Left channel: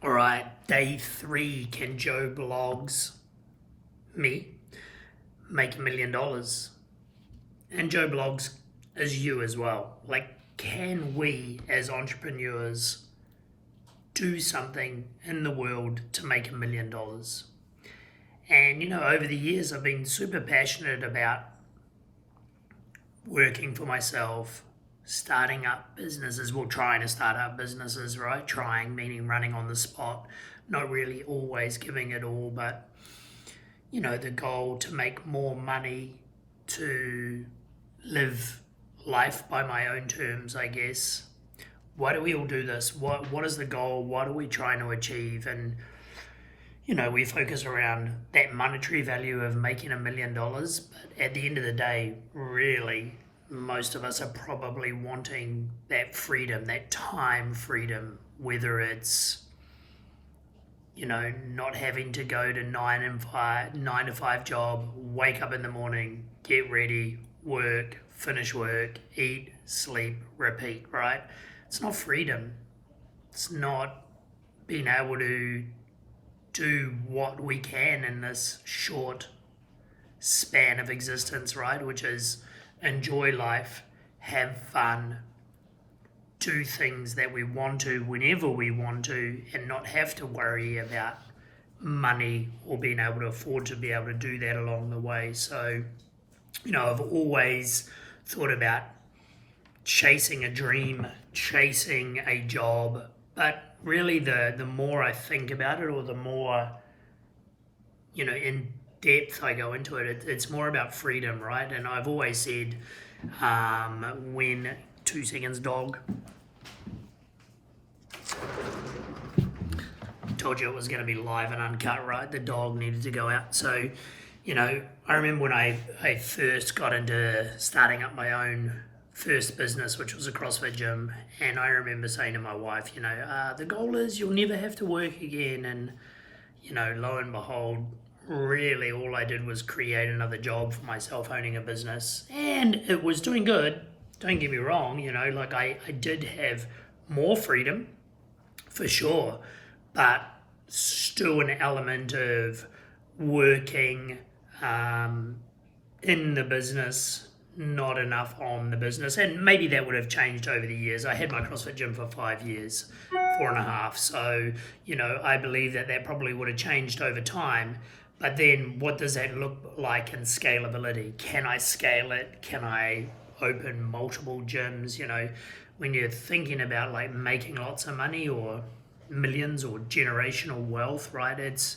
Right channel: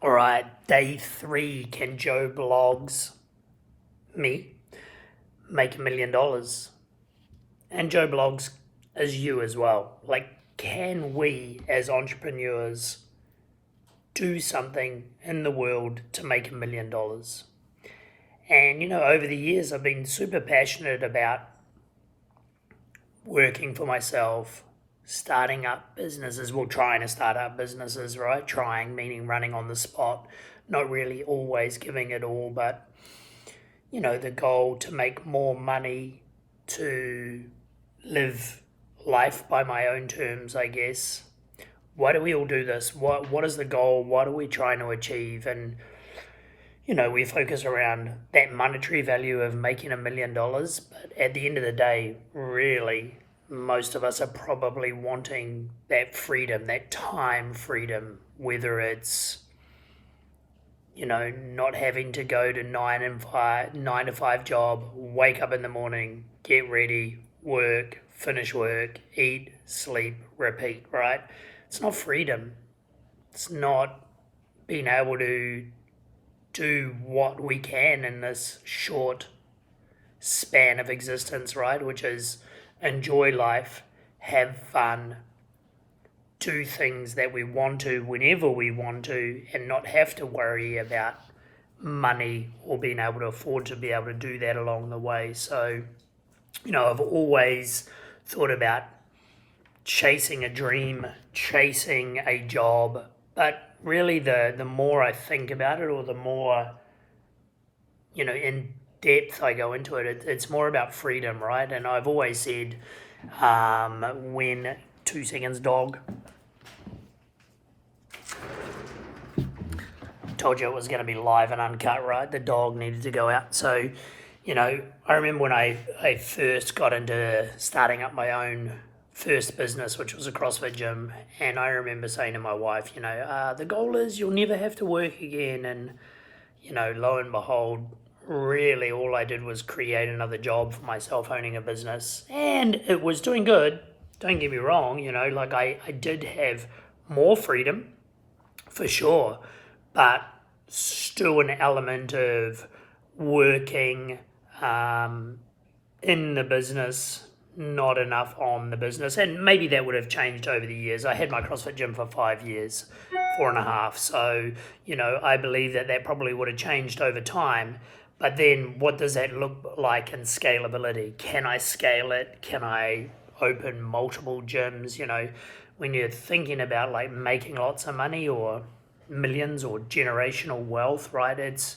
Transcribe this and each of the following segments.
All right, day 3. Can Joe Blogs, me, make $1 million? And Joe Blogs is you as well. Like, can we as entrepreneurs do something in the world to make $1 million? And over the years, I've been super passionate about working for myself, starting up businesses, well, trying to start up businesses, right? Trying, meaning running on the spot, not really always giving it all, but, the goal to make more money, to live life by my own terms, I guess. Why do we all do this? What is the goal? What are we trying to achieve? And we focus around that monetary value of making $1 million, but at the end of the day, really, most of us are probably wanting that freedom, that time freedom, whether it's not having to go to 9 to 5 job, wake up in the morning, get ready, work, finish work, eat, sleep, repeat, right? It's not freedom. It's not being able to do what we can in this short span of existence, right? Which is enjoy life, have fun, do things that we want to whenever we want to, and not have to worry about money or being able to afford to be able to do that along the way. So, I've always thought about chasing a dream, chasing a job, but really the more I think about it, or the more in depth I go into it, it's more about freedom, right? And I've always said, when 2 seconds, dog. Told you it was going to be live and uncut, right? The dog needed to go out. So, I remember when I first got into starting up my own first business, which was a CrossFit gym, and I remember saying to my wife, the goal is you'll never have to work again. And, lo and behold, really all I did was create another job for myself owning a business, and it was doing good. Don't get me wrong, like I did have more freedom for sure, but still an element of working in the business, not enough on the business. And maybe that would have changed over the years. I had my CrossFit gym for 5 years, 4.5. So, I believe that probably would have changed over time. But then what does that look like in scalability? Can I scale it? Can I open multiple gyms? When you're thinking about like making lots of money or millions or generational wealth, right? It's,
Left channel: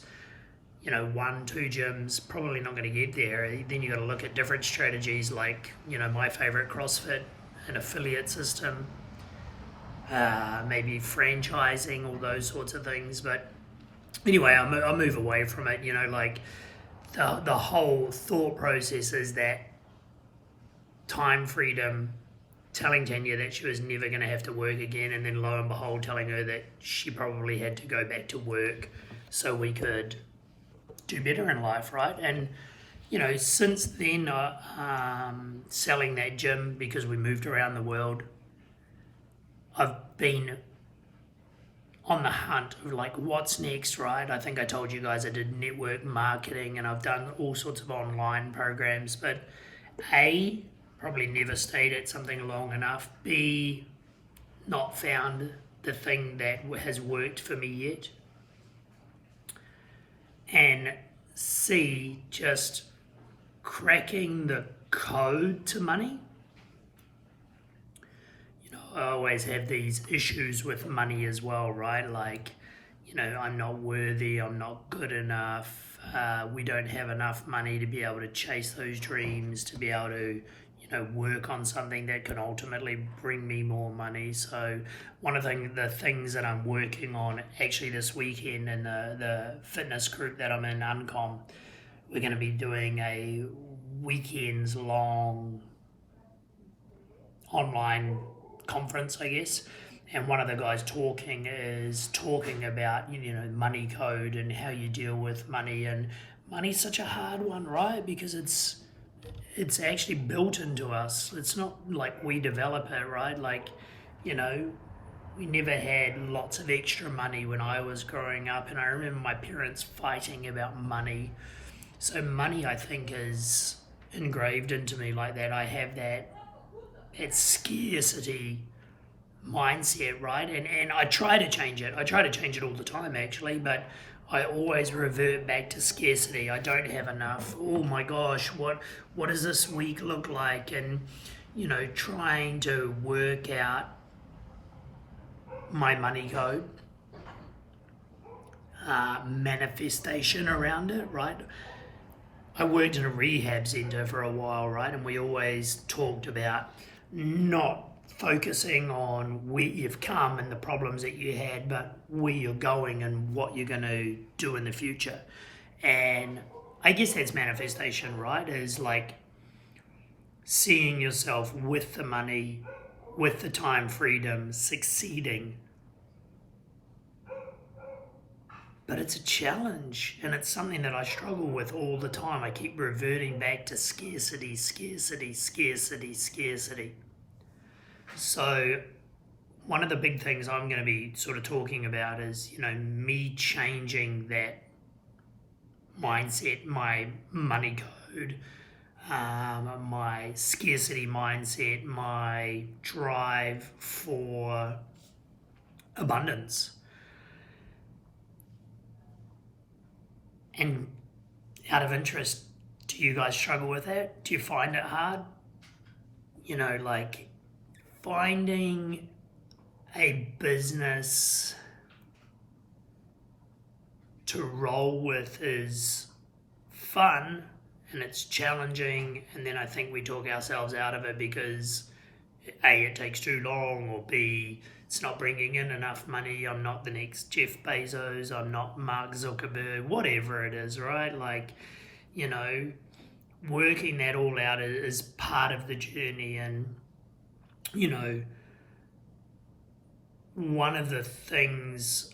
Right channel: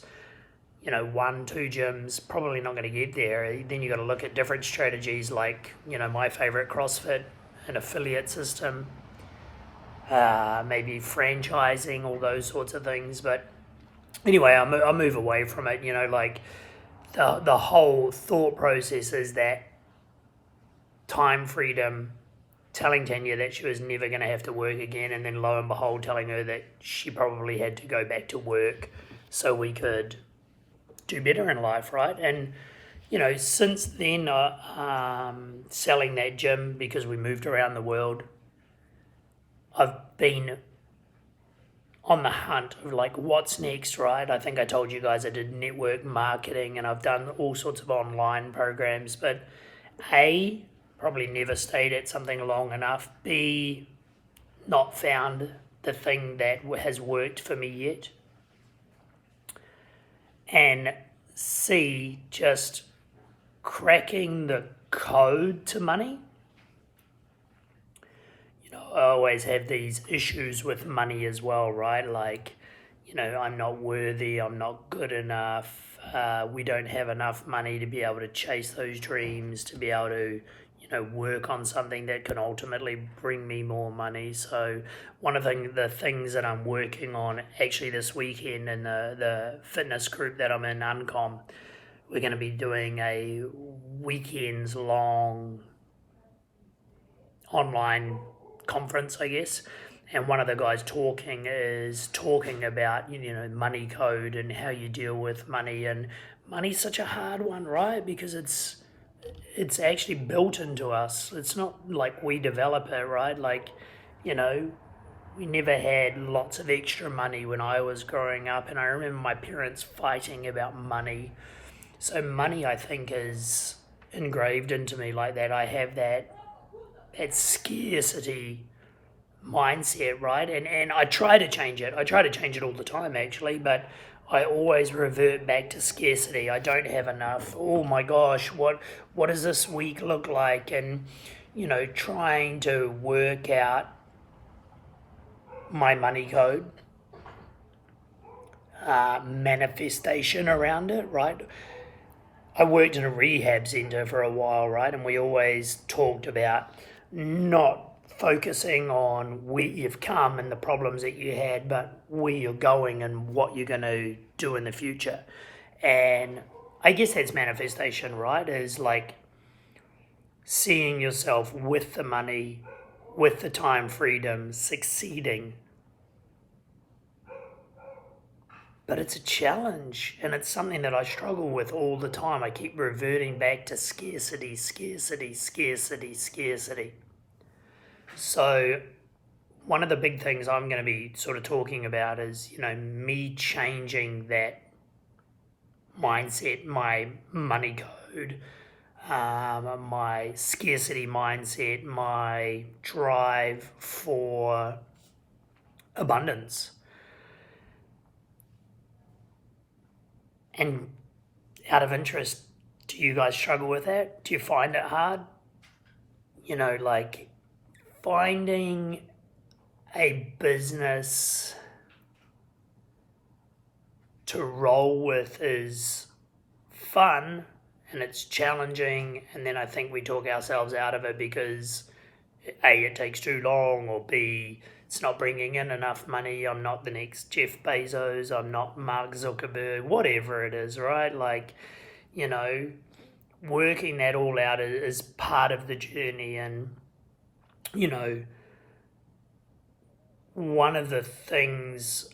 1, 2 gyms, probably not going to get there. Then you got to look at different strategies like, my favorite CrossFit, an affiliate system, maybe franchising, all those sorts of things. But anyway, I move away from it, like the whole thought process is that time freedom, telling Tanya that she was never going to have to work again, and then lo and behold telling her that she probably had to go back to work so we could do better in life, right? And since then, selling that gym because we moved around the world, I've been on the hunt of like what's next, right? I think I told you guys I did network marketing and I've done all sorts of online programs, but A, probably never stayed at something long enough. B, not found the thing that has worked for me yet. And C, just cracking the code to money. I always have these issues with money as well, right? Like, I'm not worthy, I'm not good enough, we don't have enough money to be able to chase those dreams, to be able to, work on something that can ultimately bring me more money. So one of the things that I'm working on actually this weekend in the fitness group that I'm in, Uncom, we're going to be doing a weekends long online conference, I guess. And one of the guys talking about, money code and how you deal with money. And money's such a hard one, right? Because it's actually built into us. It's not like we develop it, right? Like, We never had lots of extra money when I was growing up, and I remember my parents fighting about money. So money, I think, is engraved into me like that. I have that scarcity mindset, right? And I try to change it. I try to change it all the time, actually, but I always revert back to scarcity. I don't have enough. Oh my gosh, what does this week look like? And trying to work out my money code, manifestation around it, right? I worked in a rehab centre for a while, right? And we always talked about not focusing on where you've come and the problems that you had, but where you're going and what you're going to do in the future. And I guess that's manifestation, right? Is like seeing yourself with the money, with the time freedom, succeeding. But it's a challenge, and it's something that I struggle with all the time. I keep reverting back to scarcity, scarcity, scarcity, scarcity. So one of the big things I'm going to be sort of talking about is, me changing that mindset, my money code, my scarcity mindset, my drive for abundance. And out of interest, do you guys struggle with that? Do you find it hard? Like finding a business to roll with is fun and it's challenging, and then I think we talk ourselves out of it because A, it takes too long, or B, it's not bringing in enough money. I'm not the next Jeff Bezos, I'm not Mark Zuckerberg, whatever it is, right? Like, working that all out is part of the journey. And one of the things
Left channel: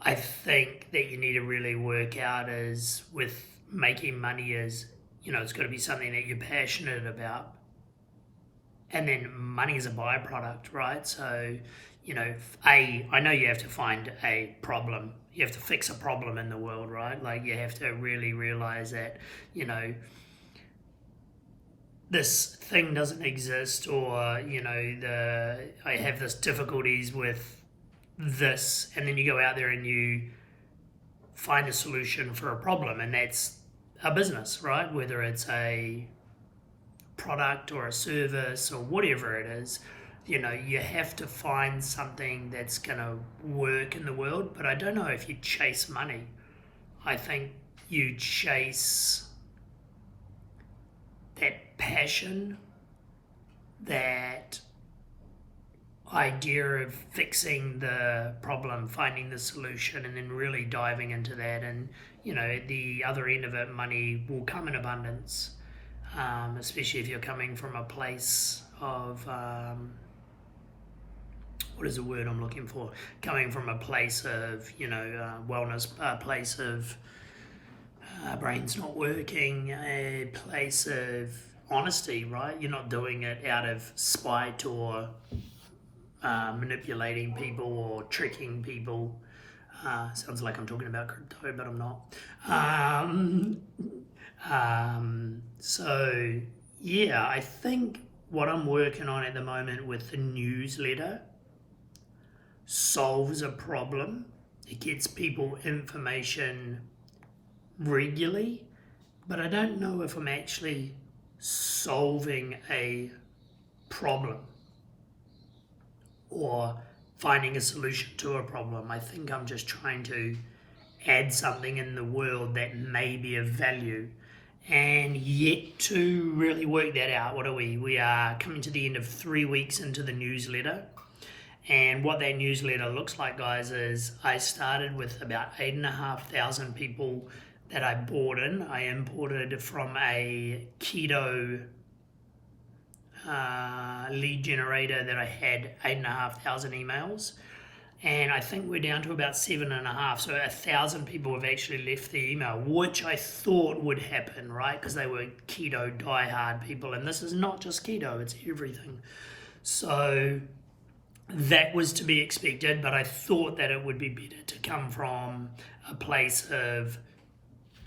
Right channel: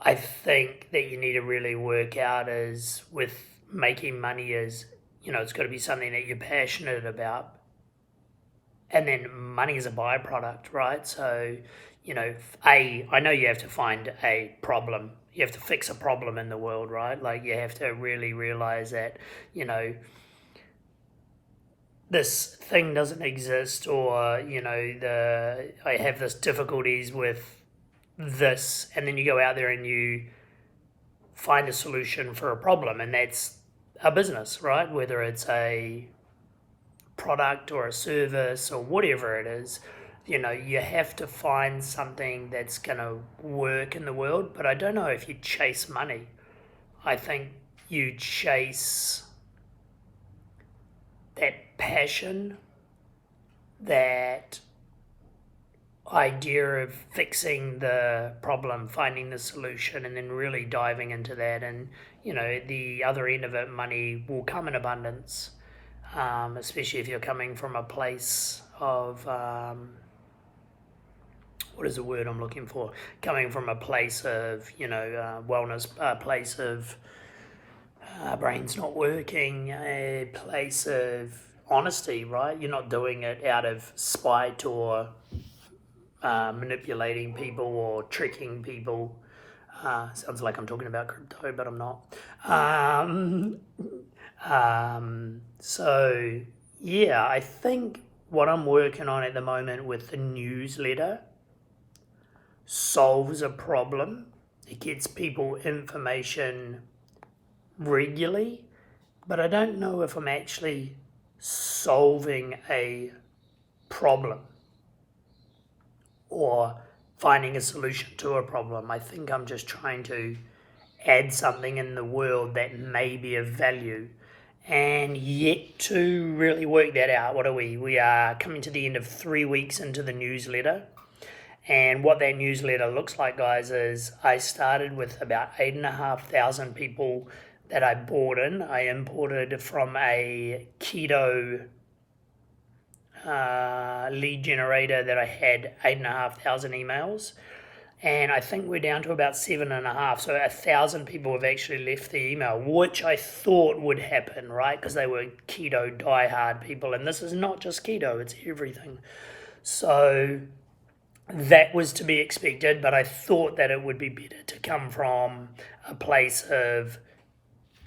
I think that you need to really work out is with making money is, it's got to be something that you're passionate about. And then money is a byproduct, right? So, I know you have to find a problem. You have to fix a problem in the world, right? Like you have to really realize that, this thing doesn't exist, or, I have this difficulties with this, and then you go out there and you find a solution for a problem, and that's a business, right? Whether it's a product or a service or whatever it is, you have to find something that's going to work in the world. But I don't know if you chase money. I think you chase that passion, that idea of fixing the problem, finding the solution, and then really diving into that. And, at the other end of it, money will come in abundance, especially if you're coming from a place of, what is the word I'm looking for? Coming from a place of, wellness, a place of brain's not working, a place of honesty, right? You're not doing it out of spite or manipulating people or tricking people. Sounds like I'm talking about crypto, but I'm not. So, yeah, I think what I'm working on at the moment with the newsletter solves a problem. It gets people information regularly, but I don't know if I'm actually solving a problem or finding a solution to a problem. I think I'm just trying to add something in the world that may be of value, and yet to really work that out. What are we? We are coming to the end of 3 weeks into the newsletter. And what that newsletter looks like, guys, is I started with about 8,500 people that I bought in. I imported from a keto lead generator that I had 8,500 emails. And I think we're down to about 7,500. So 1,000 people have actually left the email, which I thought would happen, right? Because they were keto diehard people. And this is not just keto, it's everything. So that was to be expected, but I thought that it would be better to come from a place of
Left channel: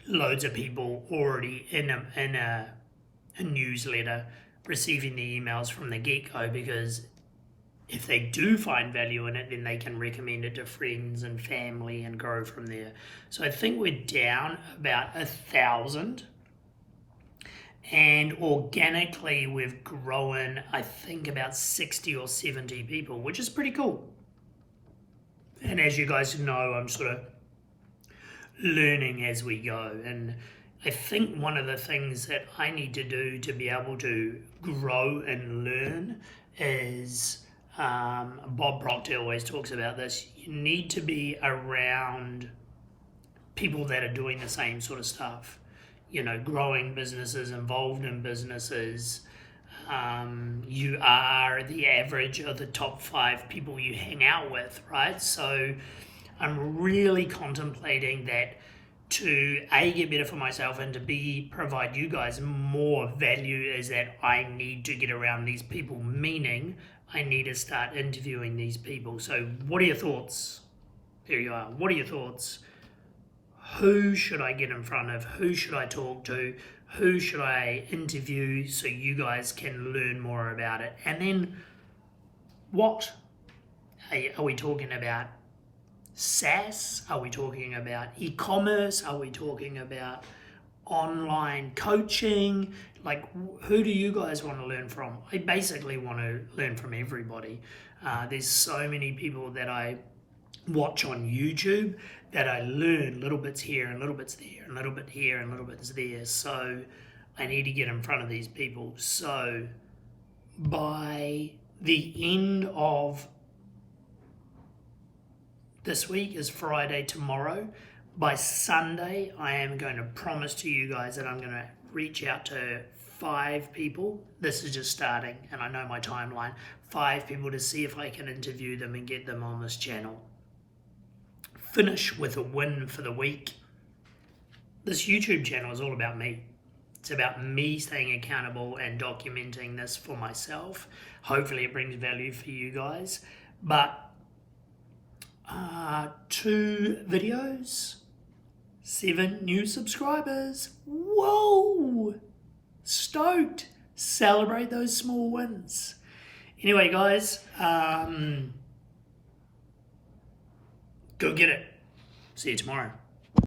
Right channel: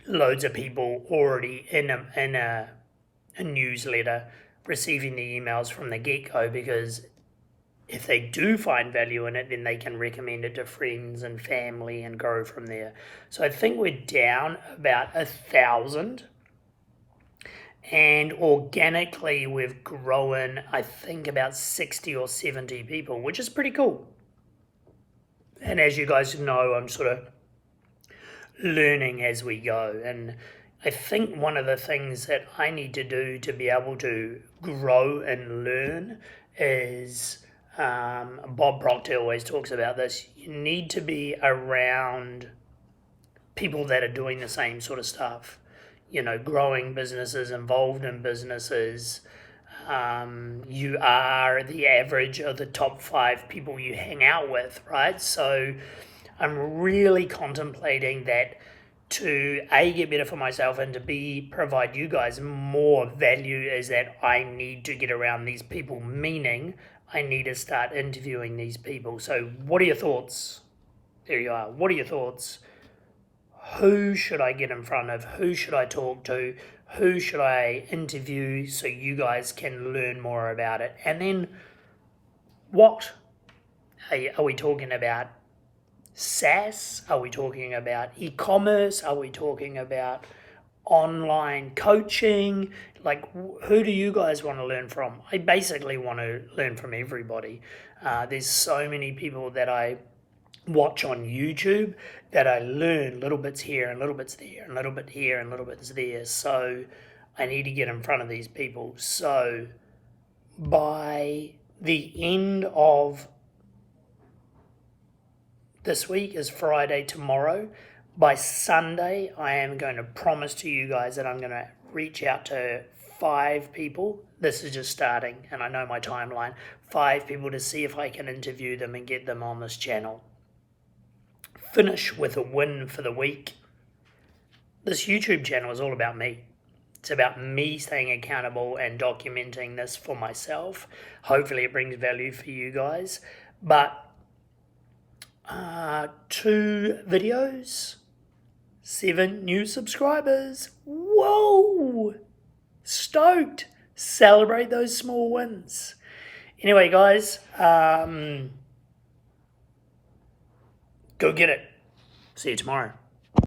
loads of people already in a newsletter receiving the emails from the get-go, because if they do find value in it, then they can recommend it to friends and family and grow from there. So I think we're down about 1,000, and organically we've grown, I think, about 60 or 70 people, which is pretty cool. And as you guys know, I'm sort of learning as we go. And I think one of the things that I need to do to be able to grow and learn is, Bob Proctor always talks about this, you need to be around people that are doing the same sort of stuff. You know, growing businesses, involved in businesses. You are the average of the top 5 people you hang out with, right? So I'm really contemplating that to A, get better for myself, and to B, provide you guys more value, is that I need to get around these people, meaning I need to start interviewing these people. So what are your thoughts? There you are. What are your thoughts? Who should I get in front of? Who should I talk to? Who should I interview so you guys can learn more about it? And then what? Are we talking about SaaS? Are we talking about e-commerce? Are we talking about online coaching? Like, who do you guys want to learn from? I basically want to learn from everybody. There's so many people that I watch on YouTube that I learn little bits here and little bits there and little bit here and little bits there. So I need to get in front of these people. So by the end of this week, is Friday tomorrow, by Sunday I am going to promise to you guys that I'm going to reach out to 5 people. This is just starting, and I know my timeline. 5 people to see if I can interview them and get them on this channel. Finish with a win for the week. This YouTube channel is all about me. It's about me staying accountable and documenting this for myself. Hopefully it brings value for you guys. But 2 videos, 7 new subscribers. Whoa! Stoked. Celebrate those small wins. Anyway, guys, go get it. See you tomorrow.